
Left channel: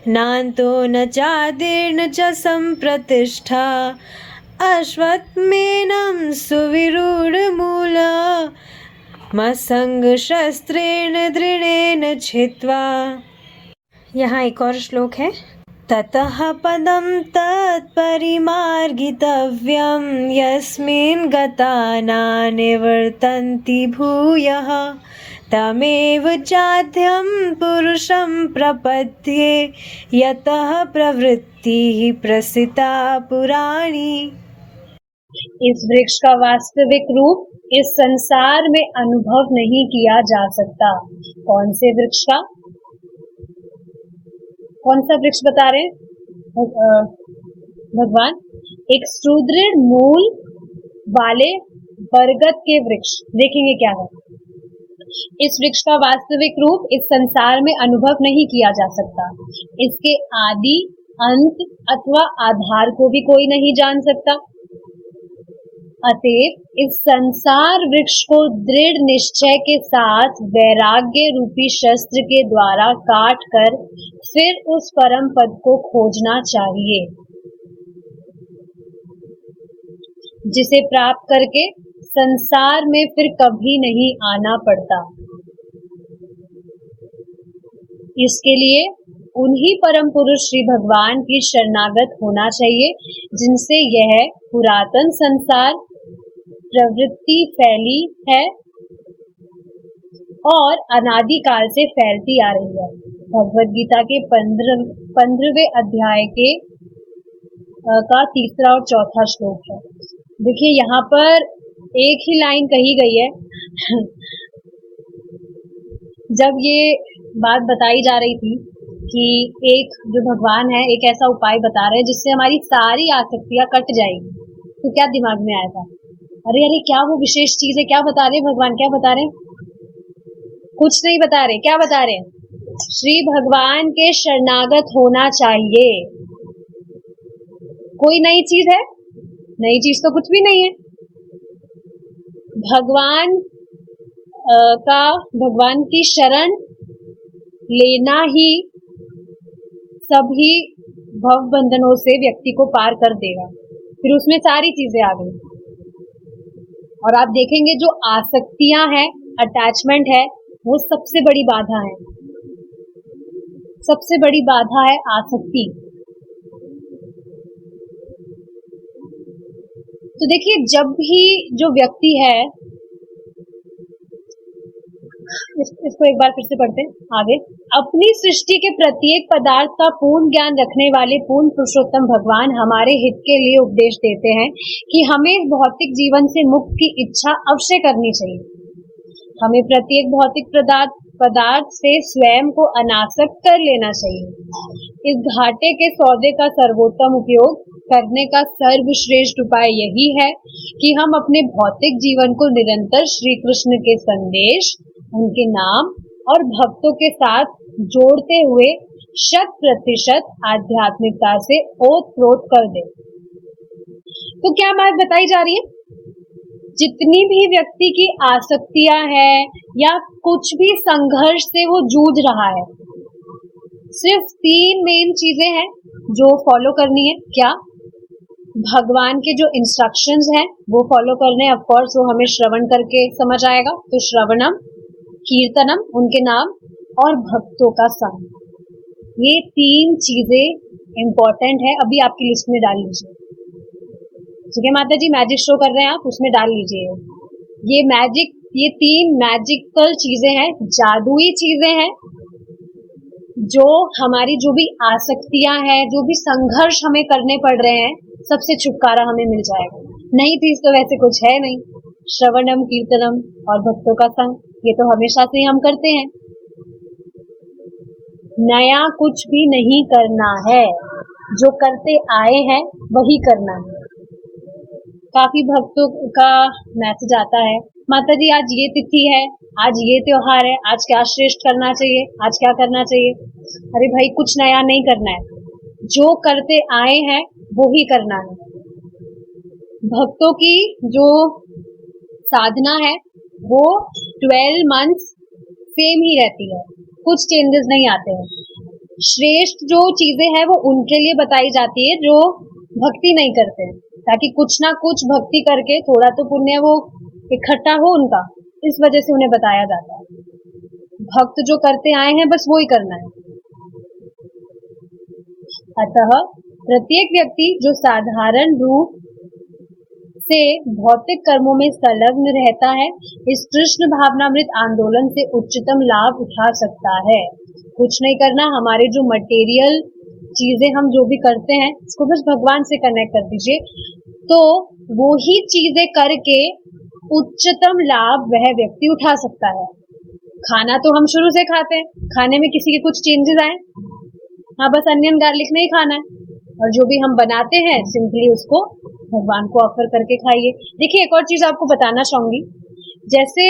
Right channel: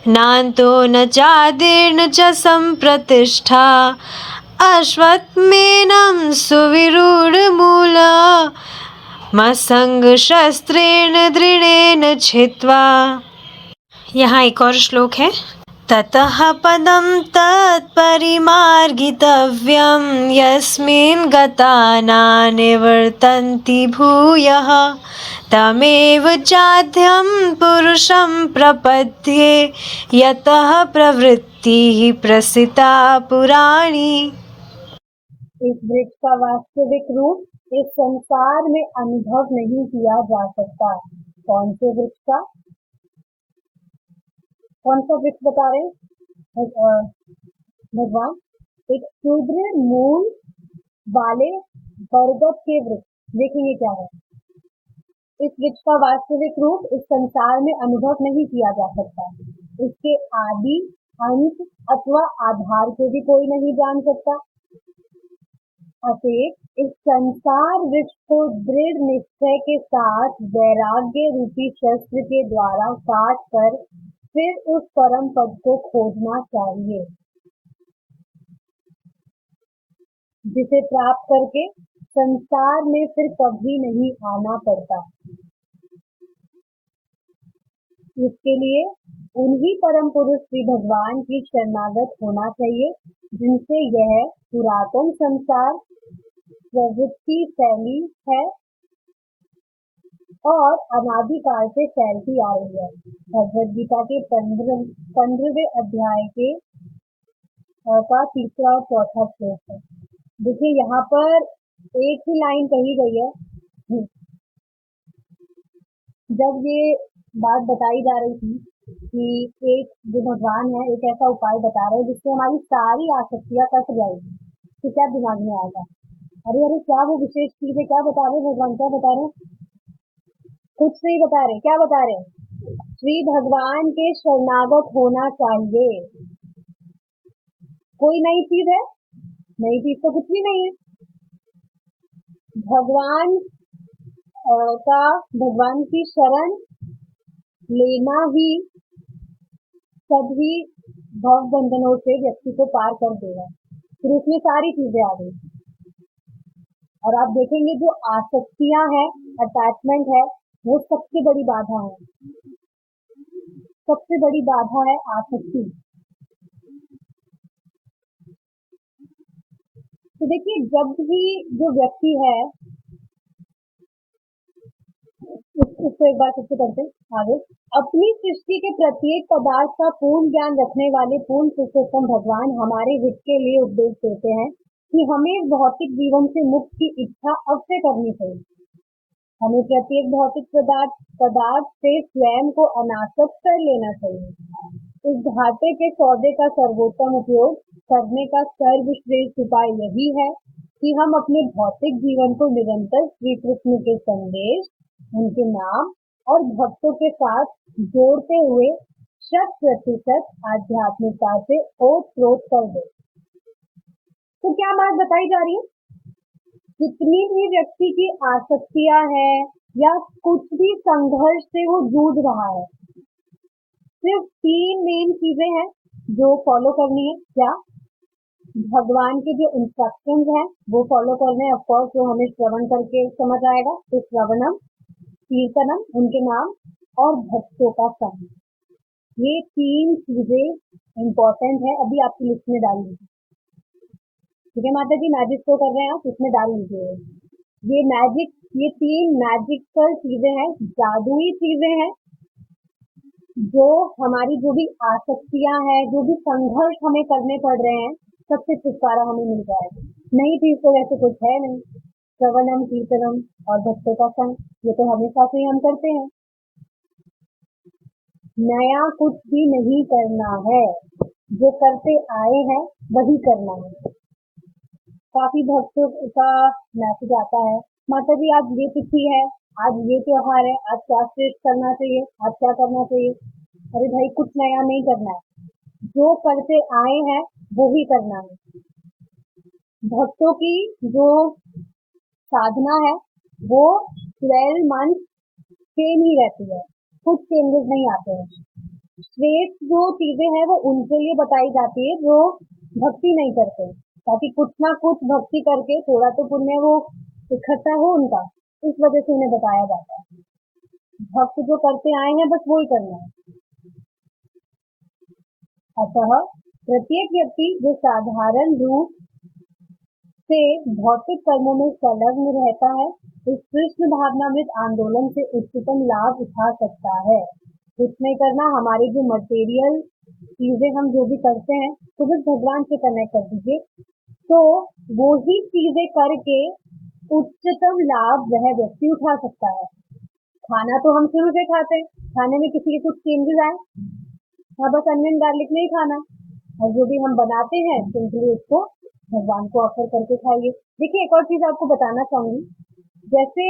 नान्तो न चादिर्न च सम्प्रतिष्ठा अश्वत्थमेनं सुविरूढमूला मसंगशस्त्रेण दृढ़ेन छित्त्वा। यहाँ एक और श्लोक है। ततः पदं तत्परिमार्गितव्यं यस्मिन् गता न निवर्तन्ति भूयः तमेव चाद्यं पुरुषं प्रपद्ये यतः प्रवृत्तिः प्रसिता पुराणी। इस वृक्ष का वास्तविक रूप इस संसार में अनुभव नहीं किया जा सकता। कौन से वृक्ष का? कौन सा वृक्ष बता रहे भगवान? एक सुदृढ़ मूल वाले बरगद के वृक्ष। देखेंगे क्या है। इस वृक्ष का वास्तविक रूप इस संसार में अनुभव नहीं किया जा सकता। इसके आदि, अंत अथवा आधार को भी कोई नहीं जान सकता। अतएव इस संसार वृक्ष को दृढ़ निश्चय के साथ वैराग्य रूपी शस्त्र के द्वारा काट कर फिर उस परम पद को खोजना चाहिए, जिसे प्राप्त करके संसार में फिर कभी नहीं आना पड़ता। इसके लिए उन्हीं परम पुरुष श्री भगवान की शरणागत होना चाहिए, जिनसे यह पुरातन संसार प्रवृत्ति फैली है और अनादिकाल से फैलती आ रही है। भगवद गीता के 15वें अध्याय के का 3रा और 4था श्लोक है। देखिए यहाँ पर एक ही लाइन कही गई है। जब ये बात बताई जा रही थी कि एक जो भगवान है एक ऐसा उपाय बता रहे हैं जिससे हमारी सारी आसक्तियां कट जाएंगी, तो क्या दिमाग में आया था? अरे अरे क्या वो विशेष चीज है? क्या बता रहे भगवान? क्या बता रहे? कुछ नहीं बता रहे। क्या बता रहे? श्री भगवान के शरणागत होना चाहिए। कोई नई चीज है? नई चीज तो कुछ भी नहीं है। भगवान की शरण लेना ही सभी भव बंधनों से व्यक्ति को पार कर देगा। फिर उसमें सारी चीजें आ गई। और आप देखेंगे जो आसक्तियां है, अटैचमेंट है, वो सबसे बड़ी बाधा है। सबसे बड़ी बाधा है आसक्ति। तो देखिए, जब भी जो व्यक्ति है, इसको एक बार फिर से पढ़ते आगे। अपनी सृष्टि के प्रत्येक पदार्थ का पूर्ण ज्ञान रखने वाले पूर्ण पुरुषोत्तम भगवान हमारे हित के लिए उपदेश देते हैं कि हमें इस भौतिक जीवन से मुक्ति की इच्छा अवश्य करनी चाहिए। हमें प्रत्येक भौतिक पदार्थ से स्वयं को अनासक्त कर लेना चाहिए। इस घाटे के सौदे का सर्वोत्तम उपयोग करने का सर्वश्रेष्ठ उपाय यही है कि हम अपने भौतिक जीवन को निरंतर श्री कृष्ण के संदेश, उनके नाम और भक्तों के साथ जोड़ते हुए 100% आध्यात्मिकता से ओतप्रोत कर दे। तो क्या बात बताई जा रही है? जितनी भी व्यक्ति की आसक्तियां है या कुछ भी संघर्ष से वो जूझ रहा है, सिर्फ 3 मेन चीजें हैं जो फॉलो करनी है। क्या? भगवान के जो इंस्ट्रक्शंस हैं वो फॉलो करने। ऑफ कोर्स वो हमें श्रवण करके समझ आएगा, तो श्रवणम, कीर्तनम, उनके नाम और भक्तों का संग, ये 3 चीजें इंपॉर्टेंट है। अभी आपकी लिस्ट में डाल लीजिए। ठीक है माता जी, मैजिक शो कर रहे हैं आप, उसमें डाल लीजिए। ये 3 मैजिकल चीजें हैं, जादुई चीजें हैं, जो हमारी जो भी आसक्तियां हैं, जो भी संघर्ष हमें करने पड़ रहे हैं, सबसे छुटकारा हमें मिल जाएगा। नहीं चीज तो वैसे कुछ है नहीं। श्रवणम, कीर्तनम और भक्तों का संग, ये तो हमेशा से हम करते हैं। नया कुछ भी नहीं करना है, जो करते आए हैं वही करना है। काफी भक्तों का मैसेज आता है, माता जी आज ये तिथि है, आज ये त्योहार है, आज क्या श्रेष्ठ करना चाहिए, आज क्या करना चाहिए। अरे भाई, कुछ नया नहीं करना है, जो करते आए हैं वो ही करना है। भक्तों की जो साधना है वो 12 मंथ्स सेम ही रहती है, कुछ चेंजेस नहीं आते हैं। श्रेष्ठ जो चीजें हैं वो उनके लिए बताई जाती है जो भक्ति नहीं करते, ताकि कुछ ना कुछ भक्ति करके थोड़ा तो पुण्य वो इकट्ठा हो उनका, इस वजह से उन्हें बताया जाता है। भक्त जो करते आए हैं बस वो ही करना है। अतः प्रत्येक व्यक्ति जो साधारण रूप से भौतिक कर्मों में संलग्न रहता है, इस कृष्ण भावनामृत आंदोलन से उच्चतम लाभ उठा सकता है। कुछ नहीं करना, हमारे जो मटेरियल चीजें हम जो भी करते हैं इसको बस भगवान से कनेक्ट कर दीजिए, तो वो ही चीजें करके उच्चतम लाभ वह व्यक्ति उठा सकता है। खाना तो हम शुरू से खाते हैं, खाने में किसी के कुछ चेंजेस आए, हाँ बस अनियन गार्लिक नहीं खाना है, और जो भी हम बनाते हैं सिंपली उसको भगवान को ऑफर करके खाइए। देखिए, एक और चीज आपको बताना चाहूंगी, जैसे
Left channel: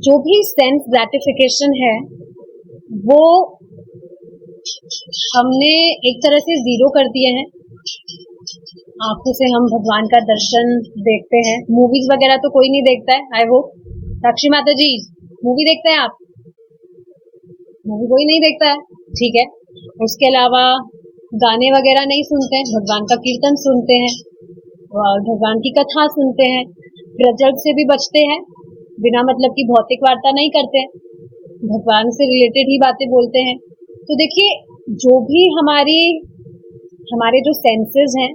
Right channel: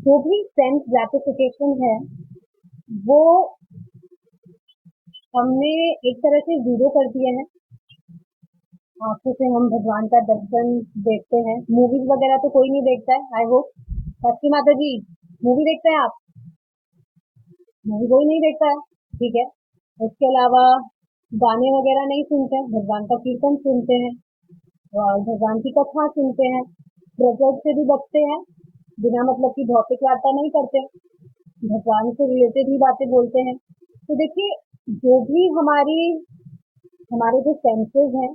जो भी सेंस ग्रेटिफिकेशन है वो हमने एक तरह से जीरो कर दिया है। आंखों से हम भगवान का दर्शन देखते हैं, मूवीज वगैरह तो कोई नहीं देखता है, आई होप। साक्षी माता जी, मूवी देखते हैं आप? मूवी कोई नहीं देखता है, ठीक है। उसके अलावा गाने वगैरह नहीं सुनते हैं, भगवान का कीर्तन सुनते हैं और भगवान की कथा सुनते हैं। प्रजग से भी बचते हैं, बिना मतलब की भौतिक वार्ता नहीं करते, भगवान से रिलेटेड ही बातें बोलते हैं। तो देखिए, जो भी हमारे जो सेंसेस हैं,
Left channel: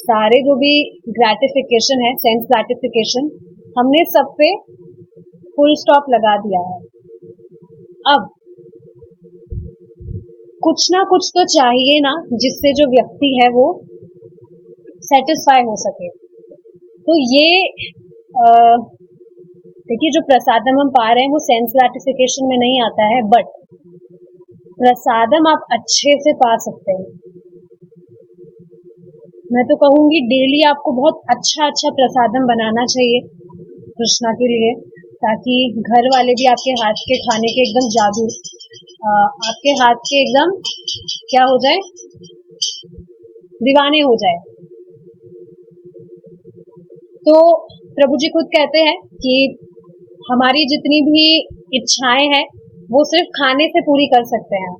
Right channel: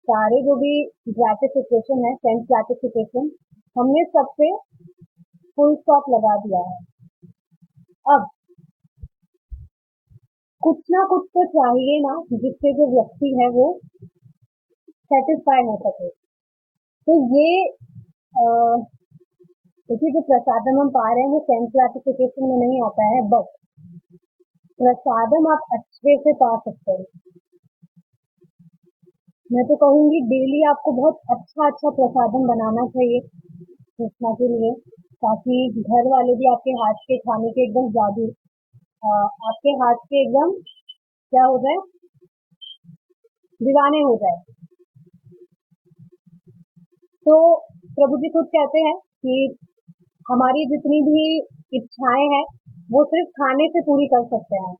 सारे जो भी ग्रेटिफिकेशन है, सेंस ग्रेटिफिकेशन, हमने सब पे फुल स्टॉप लगा दिया है। अब कुछ ना कुछ तो चाहिए ना, जिससे जो व्यक्ति है वो सेटिस्फाई हो सके। तो ये देखिए, जो प्रसादम हम पा रहे हैं वो सेंस ग्रेटिफिकेशन में नहीं आता है, बट प्रसादम आप अच्छे से पा सकते हैं। मैं तो कहूंगी डेली आपको बहुत अच्छा प्रसादम बनाना चाहिए कृष्णा के लिए, ताकि घर वाले भी आपके हाथ के खाने के एकदम जादू, आपके हाथ के एकदम क्या हो जाए, दीवाने हो जाए। तो प्रभु जी खुद कहते हैं कि हमारी जितनी भी इच्छाएं हैं वो सिर्फ खाने से पूरी कर सकते हैं।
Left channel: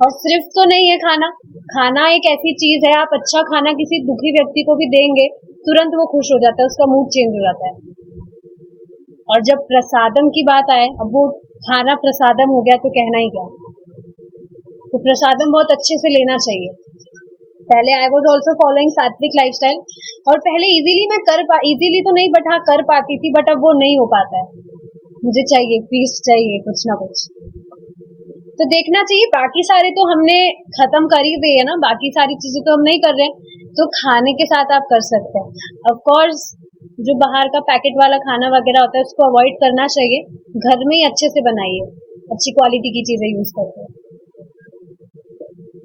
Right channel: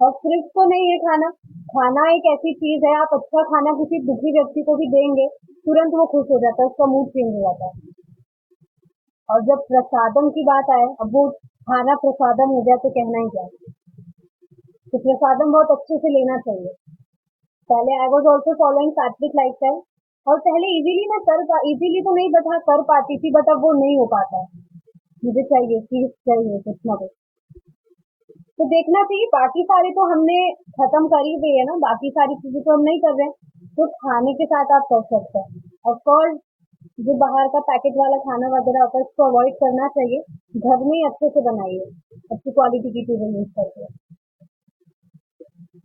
और सिर्फ तो नहीं है खाना एक ऐसी चीज है, आप अच्छा खाना किसी दुखी व्यक्ति को भी देंगे, तुरंत वो खुश हो जाता है, उसका मूड चेंज हो जाता है। और जब प्रसादम की बात आए, अब वो खाना प्रसादम हो गया तो कहना ही क्या। तो प्रसादम बहुत अच्छे से लेना चाहिए। पहले आई वॉज ऑल्सो फॉलोइंग सात्विक लाइफस्टाइल, और पहले इजीली तो नहीं, बट हाँ कर पाती थी, बट अब वो नहीं हो पाता है। मुझे चाहिए फीस्ट चाहिए कुछ ना कुछ। तो देखना चाहिए। बाकी सारे तो हमने खत्म कर ही दिए ना, बाकी सारी चीजें तो हम नहीं कर रहे हैं, तो खाने के साथ आप कर सकते हैं। ऑफ कोर्स जो बाहर का पैकेट वाला खाना वगैरह होता है उसको अवॉइड करना चाहिए, घर में ही अच्छे से बनाइए, अच्छी क्वालिटी की चीजें यूज करते हैं,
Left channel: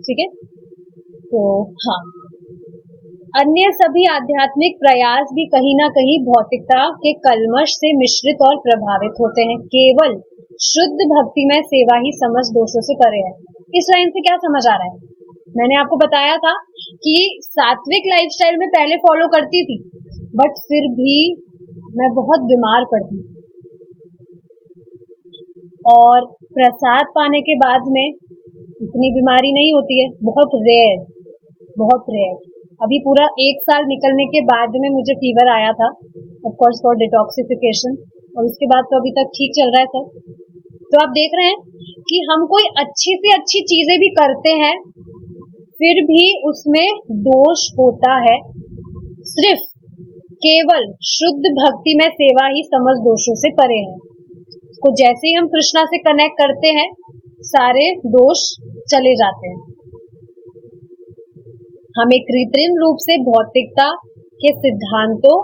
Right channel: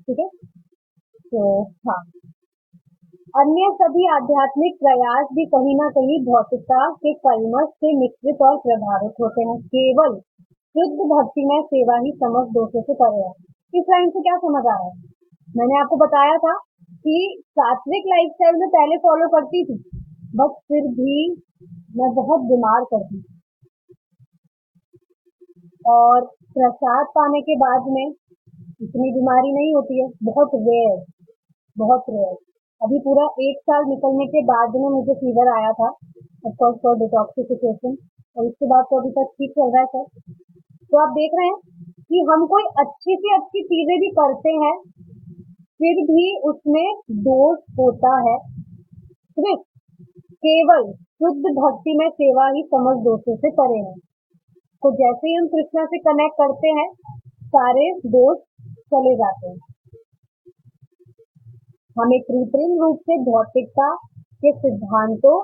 ठीक है। तो हाँ, अन्य सभी आध्यात्मिक प्रयास भी कहीं ना कहीं भौतिकता के कल्मश से मिश्रित और प्रभावित होते हैं। केवल शुद्ध भक्तिमय सेवा ही समझ दोषों से परे है। इस लाइन से क्या समझ आ रहा है? मैंने आपको बताया था कि सात्विक लाइफस्टाइल में पहले फॉलो करती थी, बट फिर भी मैं बहुत बीमार पड़ती, और प्रसाद पाने के बाद में इतनी बीमारी नहीं होती है, बहुत रेयर, बहुत रेयर। अभी पूरा 1 साल निकलने के बाद में मुझे फीवर आया था, ऑफ कोर्स फॉर डिटॉक्सिफिकेशन, और उसके बाद तो अभी तक ठीक चल रहा है सब। तो आप देख रहे हैं कि हम कोई अच्छी से अच्छी चीजें भी करते हैं, फिर भी उसमें दोष होता है। सिर्फ केवल शुद्ध भक्ति में सेवा ही समझ दोषों से परे है। तो जैसे ही हम कृष्णा से कनेक्ट करते हैं, सारे दोष चले जाते हैं। हमें कृत्रिम रूप से भौतिकता के सिद्धांतों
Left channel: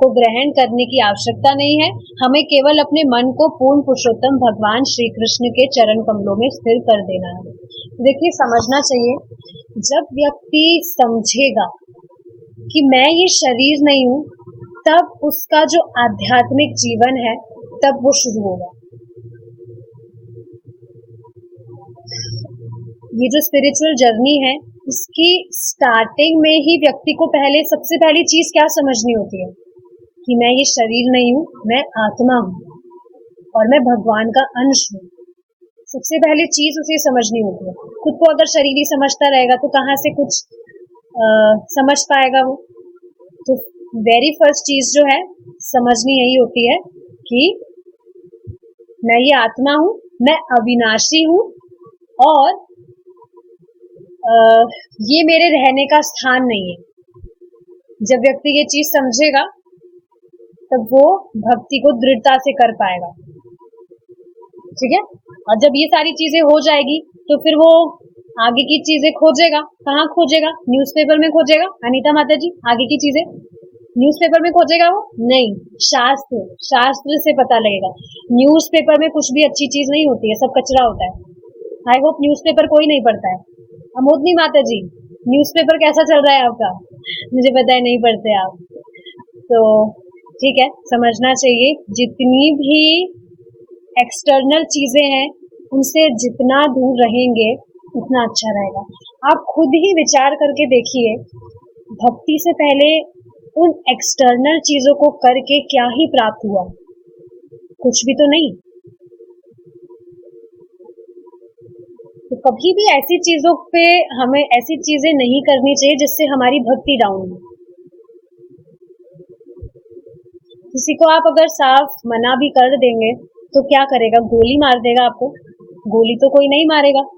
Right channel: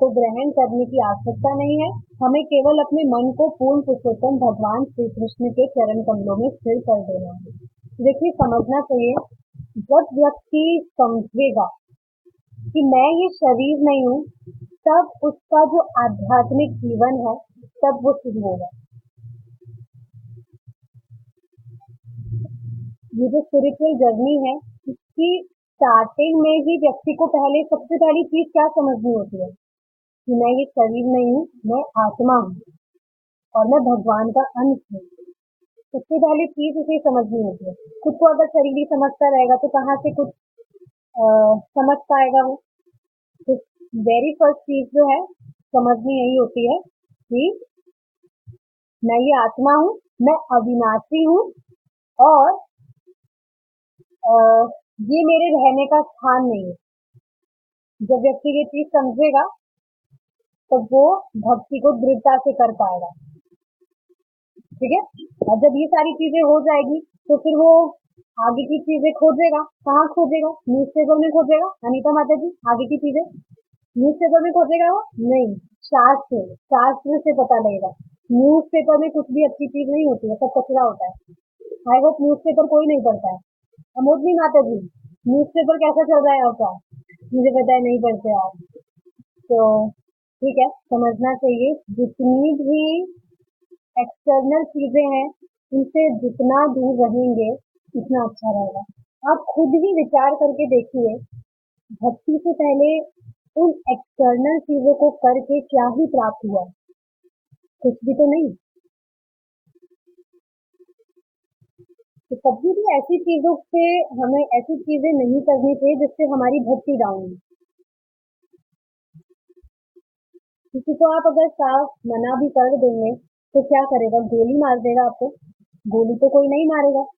को ग्रहण करने की आवश्यकता नहीं है। हमें केवल अपने मन को पूर्ण पुरुषोत्तम भगवान श्री कृष्ण के चरण कमलों में स्थिर कर देना है। देखिए, समझना चाहिए, जब व्यक्ति समझेगा कि मैं ये शरीर नहीं हूँ, तब उसका जो आध्यात्मिक जीवन है तब वो शुरू होगा। ये जो स्पिरिचुअल जर्नी है, इसकी स्टार्टिंग में ही व्यक्ति को सबसे पहली चीज क्या समझनी होती है कि मैं ये शरीर नहीं हूँ, मैं आत्मा हूँ और मैं भगवान का अंश हूँ। सबसे पहली चीज उसे समझनी होती है। खुद को अगर शरीर ही समझता रहेगा तो कहाँ से कुछ समझ पाएगा वो। तो वेरी फर्स्ट चीज जो है समझनी यही होती है कि मैं ये आत्मा हूँ, मैं अविनाशी हूँ, और ये मेरे रहने का स्थान नहीं है। जब व्यक्ति ये चीज समझेगा तब वो भक्ति को दृढ़ता से कर पाएगा, ठीक है। और जब ये सारी चीजें हो जाएगी तो फिर वो आगे की चीजें खोजेगा। कहाँ खोजेगा? न्यूज़पेपर में खोजेगा। अनीता माता जी, आगे की चीजें न्यूज़पेपर में खोजेगा वो? नहीं, शास्त्र से पता लगेगा। न्यूज़पेपर में कुछ भी अच्छी चीज नहीं होती है, सब कचरा होता है। आई होप न्यूज़पेपर कोई नहीं पढ़ता है। अमोदनी माता जी, न्यूज़पेपर कैसा चल रहा है आपका? मुझे पता है नहीं पढ़ते आप, तो ठीक है। समझना चाहिए, जितनी भी एक्सटर्नल चीजें हैं उनसे जितना दूर रहेंगे उतना अच्छा रहेगा। आप खुद ही विचार करके देखिए, भक्ति से पहले उन एक्सटर्नल चीजों को करके क्या ही प्राप्त हुआ? कुछ भी तो नहीं। तो कभी भी ऐसी चीजों पे हमें ऐसी चीजें नहीं करनी चाहिए जिससे हमारी भक्ति डाउन हो। किसी को आप अगर साफ मना भी कर देंगे तो क्या करेगा? गोली मार देगा आपको? गोली तो कोई नहीं मारेगा।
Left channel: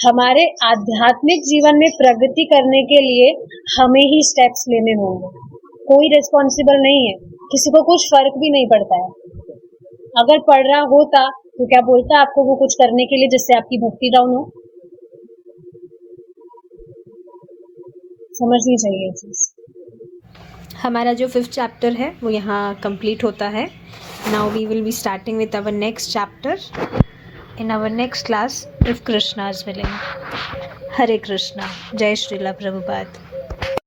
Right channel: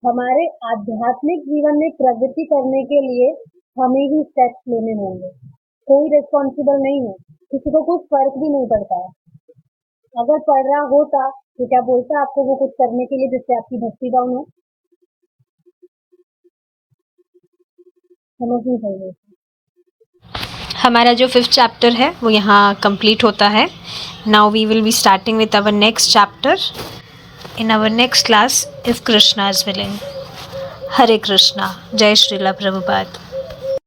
हमारे आध्यात्मिक जीवन में प्रगति करने के लिए हमें ही स्टेप्स लेने होंगे। कोई रिस्पॉन्सिबल नहीं है, किसी को कुछ फर्क भी नहीं पड़ता है। अगर पड़ रहा होता तो क्या बोलता आपको वो कुछ करने के लिए जिससे आपकी भक्ति डाउन हो? समझनी चाहिए चीज। हमारा जो 5th चैप्टर है वो यहाँ कंप्लीट होता है। Now we will be starting with our next chapter in our next class if Krishna is willing. Hare Krishna. Jai Srila Prabhupada.